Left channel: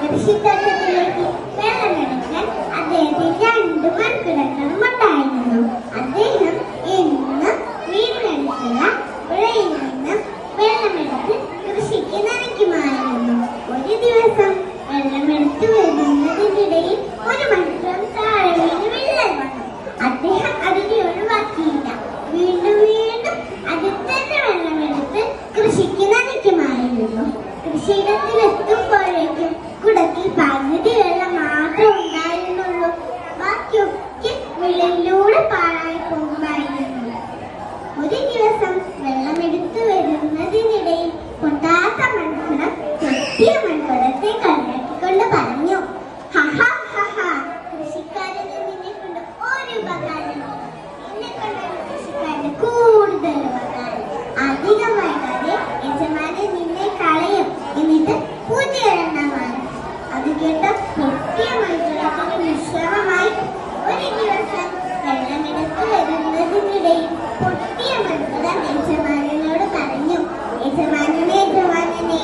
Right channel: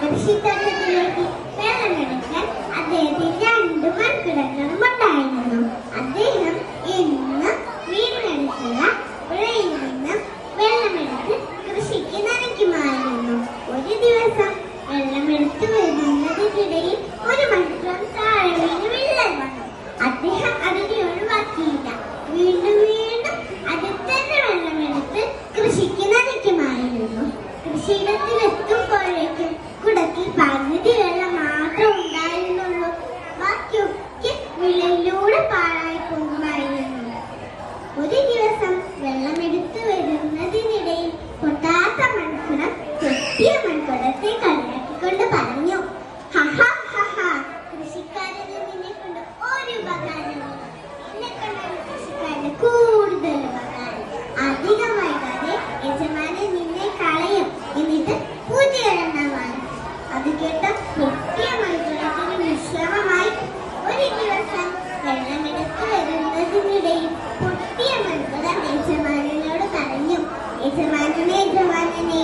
കൃഷിത്തോട്ടത്തിലേക്ക് വെള്ളമെടുക്കാൻ അദ്ദേഹത്തിന് 2 മൺകുടങ്ങളും ഉണ്ടായിരുന്നു. അദ്ദേഹം എന്നും വീടിനടുത്തുള്ള പുഴയിൽ നിന്നും വെള്ളമെടുത്ത് കൃഷിക്ക് നനയ്ക്കുമായിരുന്നു. ഒരു ദിവസം വെള്ളമെടുത്ത് വരുന്നതിനിടയിൽ ഒരു മൺകുടം താഴെ വീണ് വിള്ളൽ വന്നു. അദ്ദേഹം അതിനെ ഒഴിവാക്കിയില്ല. വീണ്ടും വീണ്ടും അതിൽ തന്നെ വെള്ളമെടുത്ത് കൃഷിക്ക് നനയ്ക്കുമായിരുന്നു. കൃഷിയിടത്തിലെത്തുമ്പോഴേക്കും കുടത്തിൽ പകുതി വെള്ളം മാത്രം ഉണ്ടായിരുന്നുള്ളൂ. ബാക്കിയൊക്കെ വിളയിലൂടെ പാഴായി പോകുമായിരുന്നു. ഒരു ദിവസം വെള്ളമെടുത്തു വരുന്നതിനിടയിൽ പൊട്ടാത്ത മൺകുടം പൊട്ടിയ മൺകുടത്തെ കളിയാക്കിക്കൊണ്ട് പറഞ്ഞു, ഹഹാ ഹഹാ, കൃഷിക്കാരന് നിന്നെ കൊണ്ട് ഒരു ഉപകാരമില്ല. എന്നെ കൊണ്ടാണ് കൃഷിക്കാരന് കൂടുതൽ ഉപകാരം. അധികം വൈകാതെ യജമാനൻ നിന്നെ കളയും. എന്നിട്ട് പുതിയൊരെണ്ണം വാങ്ങും. അത് കേട്ട പൊട്ടിയ മൺകുടത്തിന് വിശ്രമമായി. ഒരു ദിവസം വെള്ളമെടുത്ത് വരുന്നതിനിടയിൽ പൊട്ടിയ മൺകുടം യജമാനനോട് പറഞ്ഞു, യജമാനനെ യജമാനനെ,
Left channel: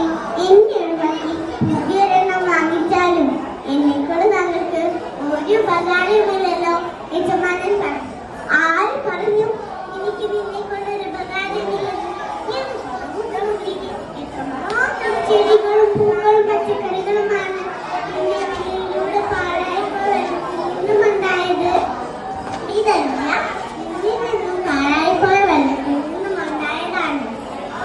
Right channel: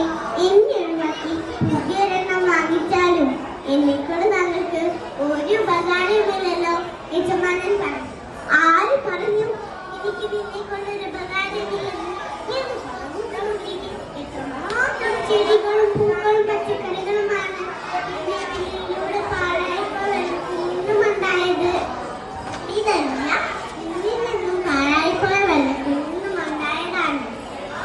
എന്നെ ഒഴിവാക്കി പുതിയൊരെണ്ണം വാങ്ങിച്ചാലും എന്നെക്കൊണ്ട് നിങ്ങൾക്ക് ഒരു ഉപകാരമില്ലല്ലോ. യജമാനൻ പറഞ്ഞു, ആര് പറഞ്ഞു എനിക്ക് നിന്നെ കൊണ്ടൊരു ഉപകാരമില്ലെന്ന്? ഞാൻ പറഞ്ഞുകൊണ്ടിരിക്കും, എത്രമാത്രം ചെടികളും പൂക്കളും പച്ചക്കറികളുമാണ് എന്റെ വീടിലൂടെ പാഴായപ്പോൾ നിന്നും ഉണ്ടായത്. ഇതെല്ലാം നിന്നിൽ നിന്നും പാഴായപ്പോൾ വെള്ളത്തിൽ നിന്നും ഉണ്ടായതാണ്.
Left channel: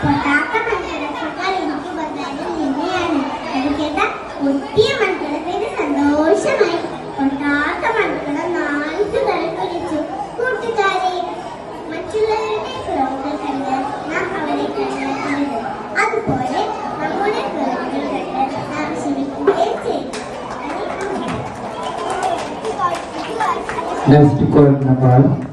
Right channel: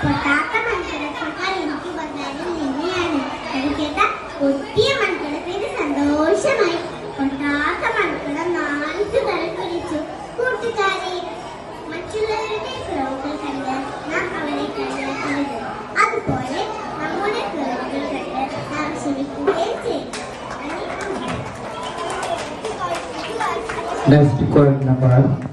പൊട്ടാത്ത മൺകുടത്തേക്കാൾ എനിക്ക് ഉപകാരം നിന്നെയാണ്. അത് കേട്ട പൊട്ടിയ മൺകുടത്തിന് സന്തോഷമായി. പൊട്ടാത്ത മൺകുടം 4 തരം കുറിച്ചു. കൂട്ടുകാരെ, മറ്റുള്ളവരുടെ കുറവുകൾ കണ്ട് നാം അവരെ കളിയാക്കരുത്. അതുപോലെ നമ്മുടെ കുറവുകൾ കണ്ട് നാം ക്ഷമിക്കുകയും ചെയ്യും. Next call number